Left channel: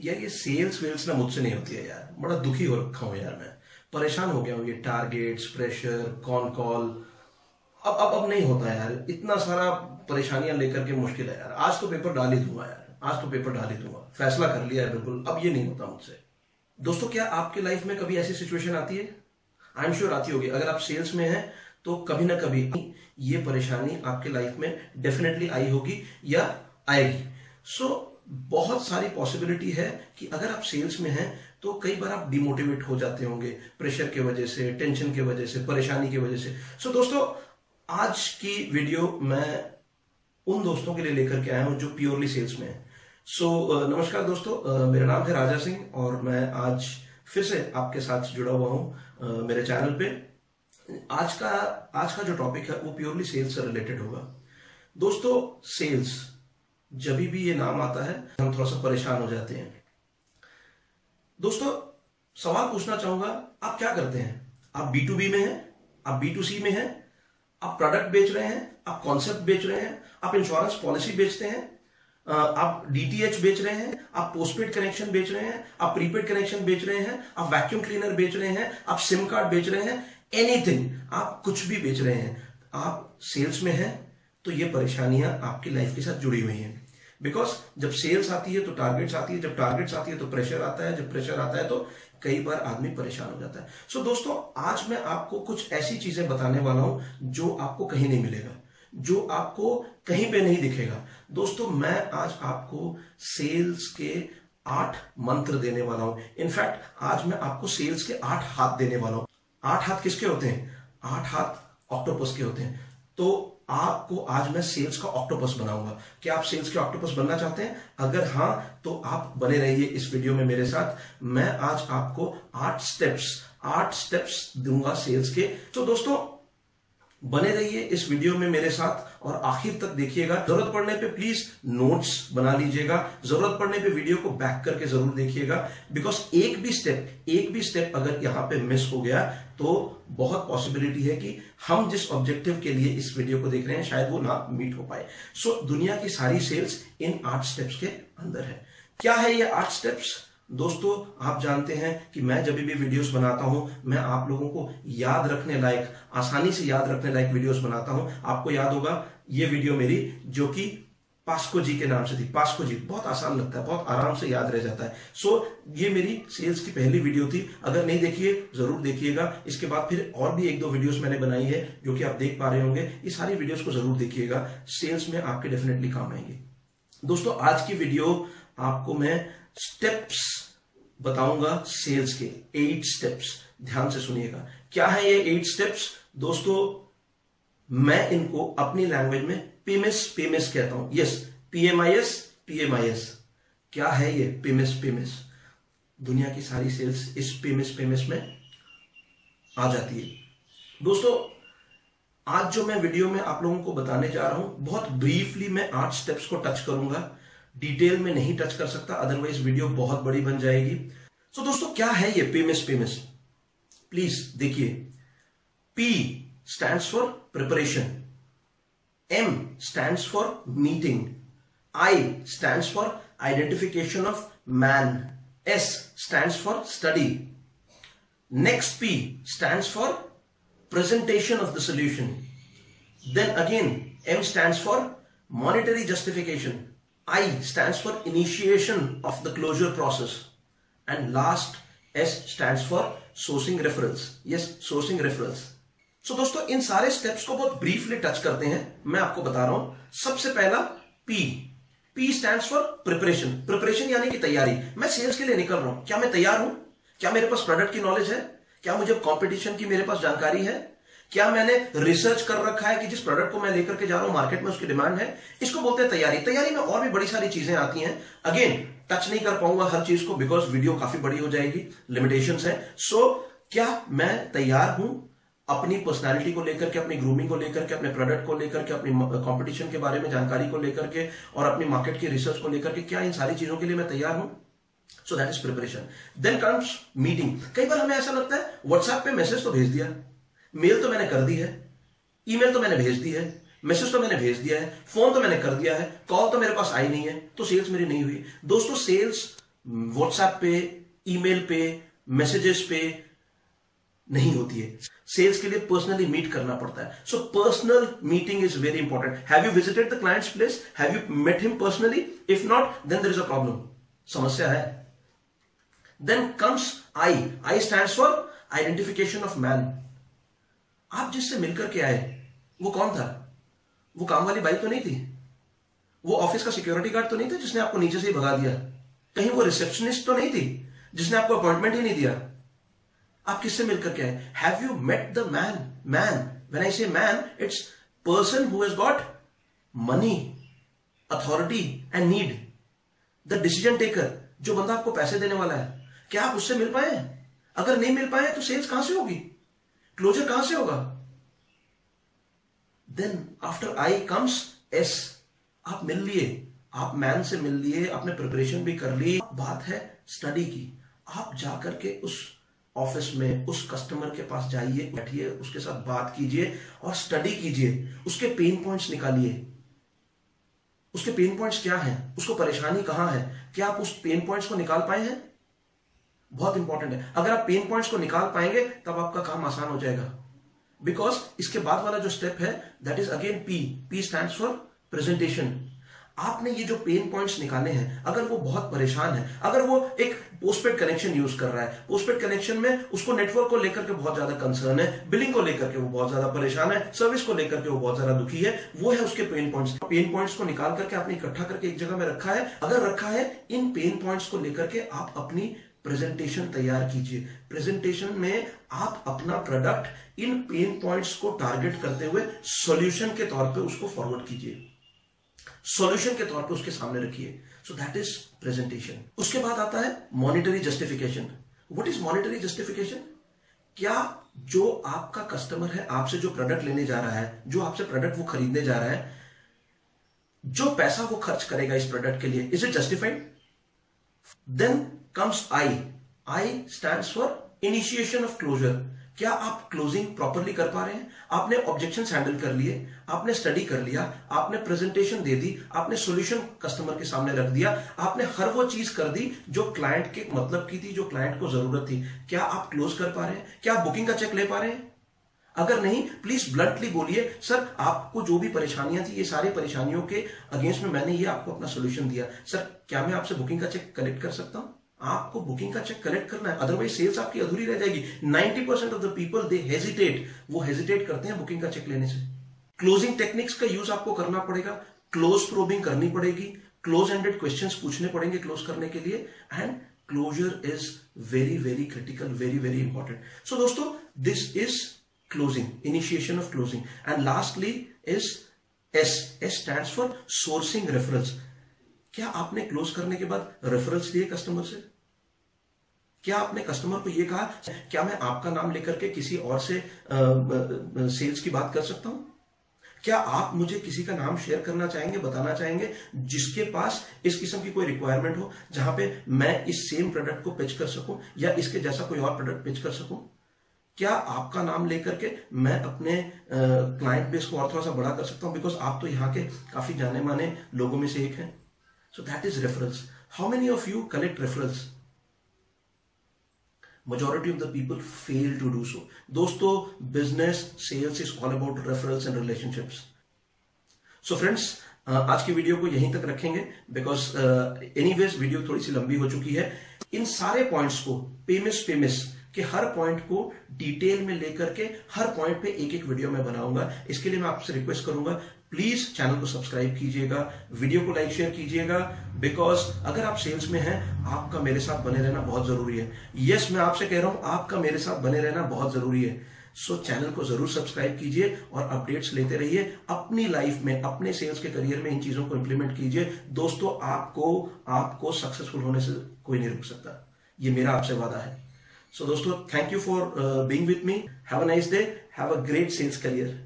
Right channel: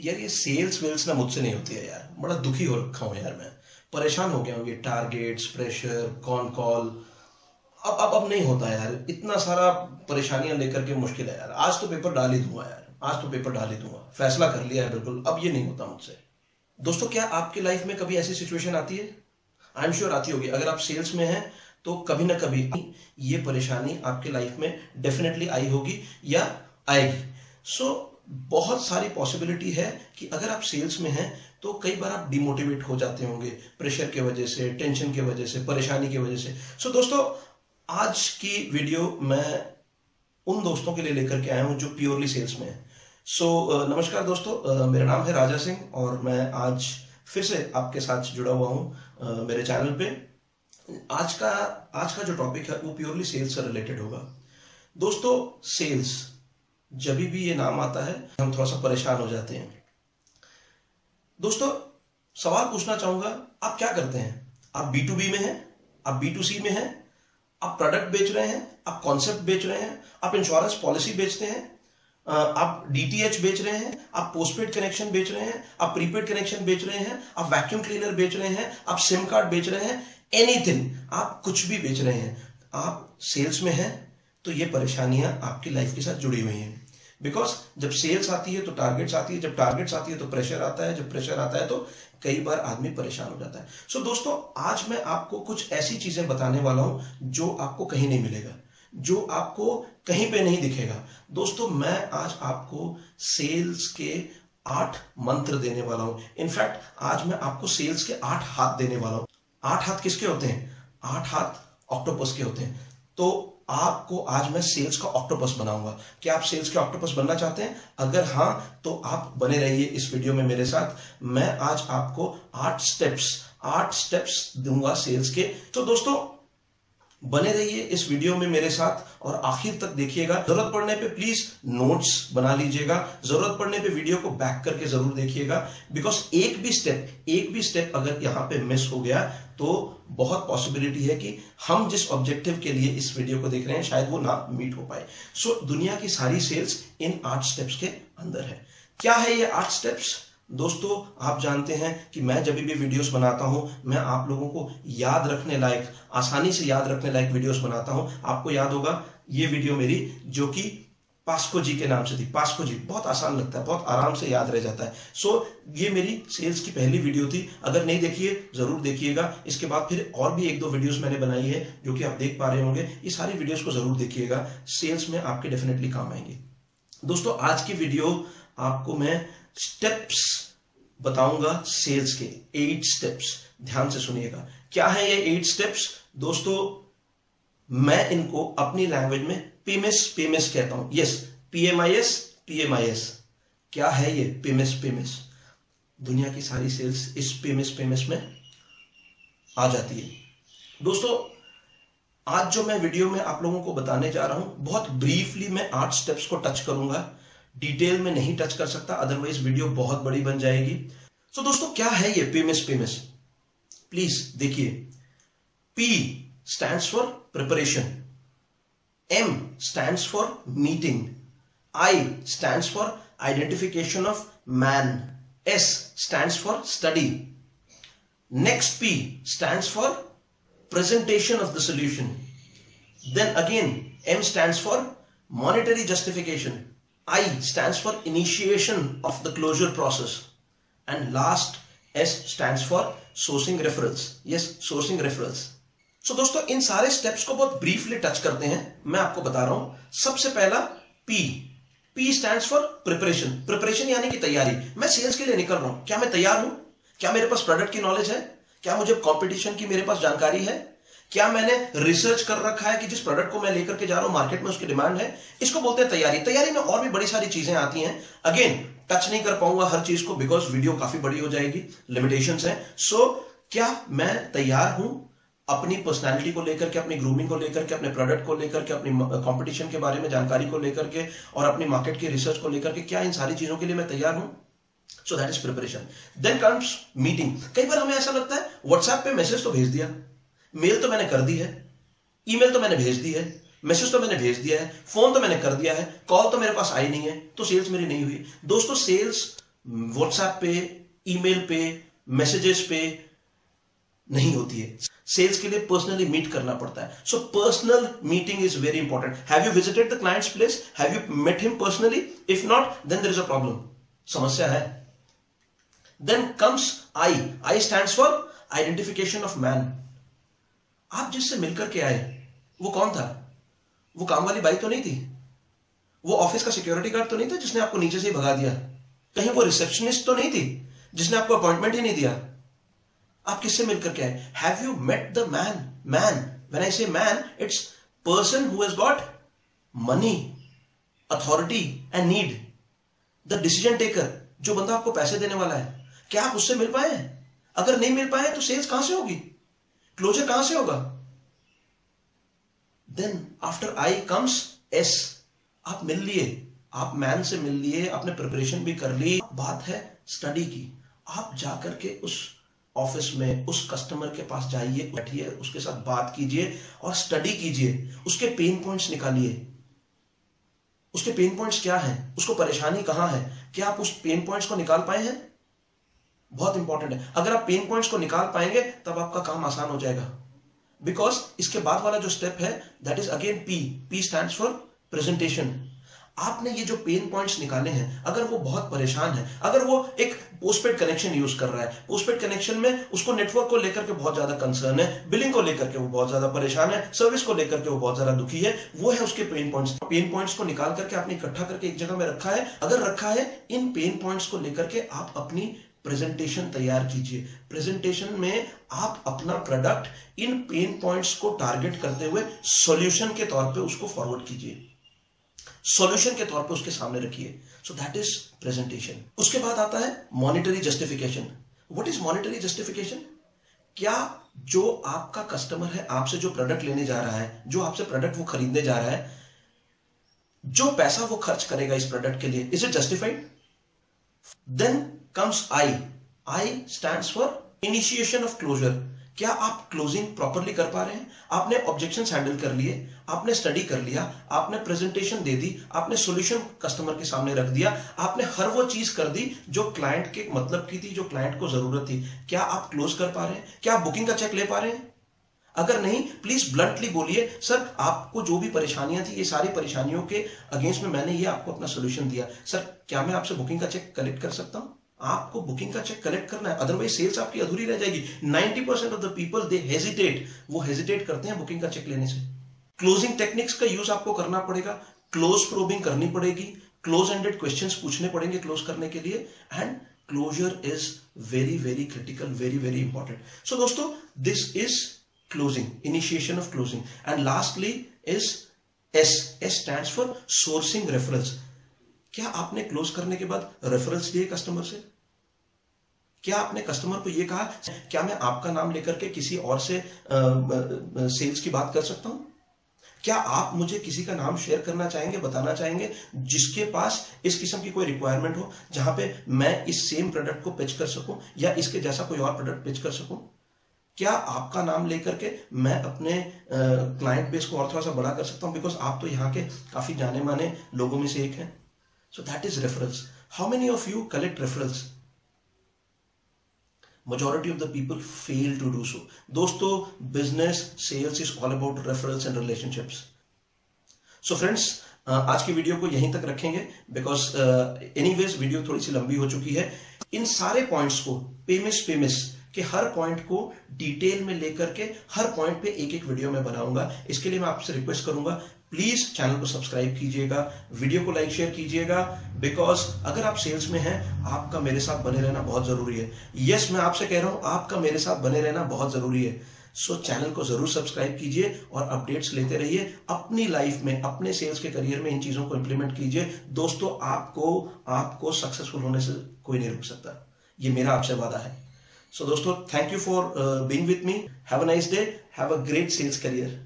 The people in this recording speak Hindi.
यार ये सेल्स वेल्स ना मुझसे नहीं होती है यार, बड़ा दुखी हो रखा हूँ यार, मैं परेशान हो गया हूँ। ये टारगेट्स, प्रेशर, कॉन कॉल, अब नहीं होता यार। इतना सारा परेशानियां लेकर के मुश्किल है यार। आज तो पेपर डाल ही दूंगा यार, आज तो पेपर डाल ही दूंगा, फैसला कर लिया है बिल्कुल, अब ये नहीं होता मुझसे। दोस्तों, क्या आपकी लाइफ में कभी ऐसी सिचुएशन आती है? आई एम श्योर आती होगी। अगर आप सेल्स में हैं तो कभी ना कभी ये परेशानी आपके लाइफ में डेफिनेटली आई होगी या आएगी। बहुत सारी पॉसिबिलिटी है कि अगर आप सेल्स में हैं तो कई बार आप डिमोटिवेट हो जाते होंगे, प्रेशर के वजह से, टेंशन के वजह से, परेशानी की वजह से। दोस्तों, आज की वीडियो मैं उन दोस्तों के लिए लेकर के आया हूं जो प्योरली सेल्स में है। नमस्कार दोस्तों, मेरा नाम है राजा सिंह और मैं आज फिर से आपके साथ जुड़ा हुआ हूं मेरे चैनल पे। आज का जो टॉपिक है वो प्योरली सेल्स से रिलेटेड होगा। दोस्तों, सेल्स जब भी ये नाम आता है हम थोड़ा सा परेशान हो जाते हैं। दोस्तों, सवाल पूछना चाहूंगा, आप क्या करते हैं? आप B2B में हैं, आप B2C में हैं, आप प्रोडक्ट बेच रहे हैं, आप कॉन्सेप्ट बेच रहे हैं, आप इंश्योरेंस पॉलिसी बेचते हैं, आप DTH बेच रहे हैं, आप पोस्टपेड कनेक्शन बेच रहे हैं, आप प्रीपेड कनेक्शन बेच रहे हैं, आप वैक्यूम क्लीनर बेच रहे हैं, आप सिम कार्ड बेच रहे हैं, एनीथिंग, आप कुछ भी बेच रहे हैं, आप सेल्स में हैं तो ये परेशानियां आपकी लाइफ के साथ जुड़ी हुई हैं। बिकॉज जब सेल्स आती है तो टारगेट्स आती है, जब टारगेट्स आती है तो प्रेशर आता है, जब प्रेशर आता है तो कई बार आदमी परेशान हो जाता है। दोस्तों, आज मैं आपको कुछ ऐसी चीजें बताने वाला हूं जो आपको कहीं नहीं मिलेगा, जो आपको कहीं पे नहीं दिखेगा। दोस्तों, मैं आज आपको सेल्स के 8 मंत्र देने वाला हूं। इनफैक्ट आज मैं आपको सेल्स के 8 हाथ देने वाला हूं। 8 हाथ किसके होते हैं? 8 हाथ ऑक्टोपस के होते हैं। तो आपको आज मैं सेल्स का ऑक्टोपस बनाऊंगा। क्या आप सेल्स के ऑक्टोपस बनना चाहते हैं? अगर हां तो आप बने रहिए इस वीडियो में मेरे साथ। मैं आज आपको 8 स्टेप्स दूंगा सेल्स के। तो दोस्तों, बने रहिए इस वीडियो में मेरे साथ और आखिर तक देखिएगा। जरूरत पड़ने पे प्लीज नोट्स बना लीजिएगा, जरूरत पड़ने पे वीडियो को बैक करके जरूर देखिएगा। बिकॉज एक भी स्टेप अगर यहां पे मिस हो गया तो बहुत पॉसिबिलिटी है कि हम जिस ऑब्जेक्टिव के लिए इस वीडियो को देख रहे हैं शायद वो ना मीट हो पाए। दुनिया की सारी सेल्स इन 8 स्टेप्स के अंदर है। क्या है ये 8 स्टेप्स? दोस्तों, आप जानते हैं कि मैं जब भी वीडियोस बनाता हूं, मैं आप लोगों को याद रखने लायक, आसानी से याद रखने लायक वीडियोस बनाता हूं। आपको याद होगा ये वीडियो मेरी जो कि पास्को जी के नाम से थी। पास्को जी बहुत आसान लगता है, बहुत आराम से याद रह जाता है। ये मेरी सेल्स की पहली वीडियो थी। अगर नहीं देखिए जरूर देखिएगा। इसके बाद फिर और भी 1-2 वीडियोस मैंने बनाई है जो कि आप देख पा रहे होंगे। ये सारी वीडियोस को जरूर देखिएगा, सेल्स में आपके डेफिनेटली काम आएंगे। दोस्तों, आज की वीडियो आपको मैं स्टेप्स बताऊंगा सेल्स के, 8 स्टेप्स। ध्यान से सुनिएगा, क्या है ये 8 स्टेप्स? दोस्तों, मैं इनको अपनी लैंग्वेज में PMS कहता हूं। Yes, PMIS। क्या है ये PMS? दुनिया की सारी सेल्स इस PMS में आ जाती है। दोस्तों, आज जो मैं वीडियो में आप लोगों को बताने जा रहा हूं, बहुत ब्रीफली मैं 8 स्टेप्स को टच करूंगा, डिटेल में नहीं टच कर सकता, अदरवाइज वीडियो बहुत बड़ी बन जाएगी। दोस्तों, क्या है ये PMS? प्लीज देखिए। P stands for preparation, M stands for meeting, I stands for identification of man, S stands for study, next P stands for presentation of the solution, then again M stands for monetary justification, I stands for initiation of the closure process, and last S stands for sourcing referrals. Yes, sourcing referrals. दोस्तों, इन सारे स्टेप्स को बहुत ब्रीफली टच करते हैं। मैं आपको बता रहा हूं। सबसे पहला P स्टैंड्स फॉर प्रिपरेशन यानी कि तैयारी। मैं सेल्स के लिए निकल रहा हूं, क्या मैं तैयार हूं? क्या मेरे पास प्रोडक्ट की नॉलेज है? क्या मुझे कंपटीशन की मेरे पास जानकारी है? क्या मैंने रिसर्च कर रखा है कि जिस प्रोडक्ट को मैं लेकर के जा रहा हूं मार्केट में उसकी डिमांड है? इसको बोलते हैं तैयारी। तैयारी में और भी बड़ी सारी चीजें आती हैं। अगेन टच नहीं कर पाऊंगा हर चीज को बिकॉज वीडियो काफी बड़ी हो जाएगी, लिमिटेशंस हैं। क्या मैं तैयार हूं अपनी पर्सनालिटी को लेकर के, अपनी ग्रूमिंग को लेकर के, अपने प्रोडक्ट को लेकर के, अपनी कंपटीशन के बारे में जानकारी को लेकर के और अपनी मार्केट की रिसर्च को लेकर के, क्या इन सारी चीजों के लिए मैं तैयार हूं? That is preparation. Then comes meeting. कई बार हमें ऐसा लगता है व्हाट्सएप पे मैसेज तो भेज दिया, मेल तो मैंने कर दी है, ईमेल तो मैंने भेज दी है, मैसेज तो मैंने भेज दिया है, फोन तो मैंने कर दिया है, कॉल तो मेरे पास आई नहीं है, तो सेल्स मेरी नहीं हुई। दोस्तों, सेल्स व्हाट्सएप पे, ईमेल पे, मैसेजेस पे नहीं होती है। सेल्स के लिए पर्सनली मीट करना पड़ता है। So personal meeting is very important. Have you visited the client's place? Have you met him personally? If not, then there is a problem, समस्या है। Then comes I. I stands for identification of man. आप जिससे मिलकर के आए वो कौन था? वो काम वाली बाई तो नहीं थी? वो ऑफिस का सिक्योरिटी गार्ड तो नहीं था जिसने आपको नीचे से ही भगा दिया? कहीं वो रिसेप्शनिस्ट तो नहीं थी जिसने आपको अपॉइंटमेंट ही नहीं दिया? आप किससे मिलकर के आए? Have you met the man? Man, when I say man, it's person who has got money, authority and need, the decision taker, जो बंदा आपको पैसे देने वाला है। क्या आप उससे मिल पाए हैं? अगर नहीं मिल पाए तो सेल्स कहां से होगी? क्लोजर कहां से होगा? Then after I comes S. आप मिल लिए, आप मैन से मिल लिए, आपने प्रिपरेशन भी कर ली। बात है स्टडी की। आप जाकर के उस ऑफिस में उस कस्टमर के पास जाइए, बैठिए, उसके साथ बात कीजिए और स्टडी कीजिए। उसके पेन पॉइंट्स निकालिए। उसके पेन पॉइंट्स क्या हैं? उसको परेशानी कहां है? क्या आप उस पेन पॉइंट्स को निकाल पाए हैं? बहुत इंपॉर्टेंट है। अगर आप पेन पॉइंट्स को निकाल पाएंगे तब आपका काम आसान हो जाएगा। बिकॉज इसके बाद वाला जो स्टेप है that is again P. P stands for presentation. आपने ये जो पेन पॉइंट्स निकाले हैं, अगर वो बहुत परेशान है, अगर वो एक पोस्टपेड कनेक्शन यूज कर रहा है, पोस्टपेड कनेक्शन में उसको नेटवर्क को लेकर के बहुत ज्यादा कंसर्न है, बिलिंग को लेकर के वो बहुत ज्यादा परेशान है, सर्विस को लेकर के वो बहुत ज्यादा दुखी है, वो है उसके पेन पॉइंट्स। पेन पॉइंट्स को निकाल करके आपने इकट्ठा करके एक जगह में रखा है। अगर रखा है, इन पेन पॉइंट्स को लेकर के आप अपनी प्रेजेंटेशन तैयार कीजिए। प्रेजेंटेशन में आप अपना प्रोडक्ट इन पेन पॉइंट्स को टारगेट करते हुए सॉल्यूशन के तौर पे उसको फॉरवर्ड कीजिए, सॉल्यूशन के तौर पे उसके सामने रखिए। So that is presentation. उसके बाद आता है monetary justification. What is monetary justification? क्या जो आपका कस्टमर है, आपसे जो प्रोडक्ट लेने जा रहा है, जो आपसे प्रोडक्ट वो खरीदने जा रहा है, जो पैसा वो खर्च करेगा इस प्रोडक्ट के लिए, is it justified? Then comes I. I stands for initiation of closure. क्या आप क्लोजिंग प्रॉपरली कर पा रहे हैं? आपने ऑब्जेक्शंस हैंडल कर लिए, आपने स्टडी कर लिया, आपने प्रेजेंटेशन दे दी, आपने सॉल्यूशन कस्टमर के सामने रख दिया, आपने हर वो चीज कर दी जो क्लाइंट के मतलब की थी, जो क्लाइंट को जरूरत थी। क्या आप क्लोज कर पा रहे हैं? क्या आप बुकिंग का चेक ले पा रहे हैं? अगर नहीं, प्लीज ब्लंटली बोलिए, सर आपको जो भी परेशानियां थी, ये सारी परेशानियों के अगेंस्ट में मैंने ये आपको अपना सोल्यूशन दिया। सर क्या मैं आपसे बुकिंग का चेक कलेक्ट कर सकता हूं? आपको बुकिंग का चेक कलेक्ट करना है, अदरवाइज सेल्स आपकी अधूरी रह जाएगी। 90% of the people they hesitate, वो हेजिटेट करते हैं बुकिंग का चेक लेने से। क्लोजिंग टेक्निक्स का यूज आपको करना पड़ेगा, क्लोज प्रोबिंग करनी पड़ेगी, क्लोज एंडेड क्वेश्चंस पूछने पड़ेंगे क्लोज करने के लिए, and closure is very very critical, very very important. So दोस्तों, this is closing, initiation of closing. And lastly is S. S stands for sourcing referrals. क्या आपने क्लोज करने के बाद रेफरल्स लिए कस्टमर से? क्या आपने कस्टमर को यह कहा, क्या मैं आपका नाम लेकर के किसी और से सेल्स की बात कर सकता हूं? क्या आप मुझे किसी का नाम शेयर करना चाहेंगे, बताना चाहेंगे जिसके पास इस किस्म की कोई रिक्वायरमेंट हो, जहां पे मैं इस सेम प्रोडक्ट को पिच कर सकूं या इसके जैसा कोई और प्रोडक्ट पिच कर सकूं? क्या आपका नाम लेकर के मैं अपने क्लाइंट बेस को और थोड़ा सा बड़ा कर सकता हूं? बिकॉज आप तो यहाँ के काफी जाने माने लोगों में से एक हैं। So that is referrals. How many of you collect referrals? Majority of the people fail to do so. दोस्तों, business sales is all about referrals and relationships. So friends, आज की वीडियो को यहीं तक रखेंगे because anyways वीडियो थोड़ी सी लंबी हो चुकी है। इन सारे पॉइंट्स को पेमिस के हर पॉइंट को डिटेल में लेकर के हर पॉइंट पे एक एक वीडियो में बनाऊंगा। इसके लिए मैं आपसे रिक्वेस्ट करूंगा, प्लीज चैनल को सब्सक्राइब कीजिएगा, वीडियो को लाइक शेयर कीजिएगा, बिकॉज अगर आप सेल्स में हैं, आपका मेरे साथ बने रहना बहुत जरूरी है। यस, मैं आपसे कह रहा हूं, आपका मेरे साथ बने रहना बहुत जरूरी है। सो चैनल को जरूर सब्सक्राइब कीजिए और अपडेट्स लेते रहिए। अपनी लाइफ में, अपने सेल्स के करियर में इन चीजों को इंप्लीमेंट कीजिए। दोस्तों, आपको सक्सेसफुल होने से कोई नहीं रोक सकता, ये मेरा आपसे वादा है। सो दोस्तों, thank you for being with me. Have a nice day, have a great sales career.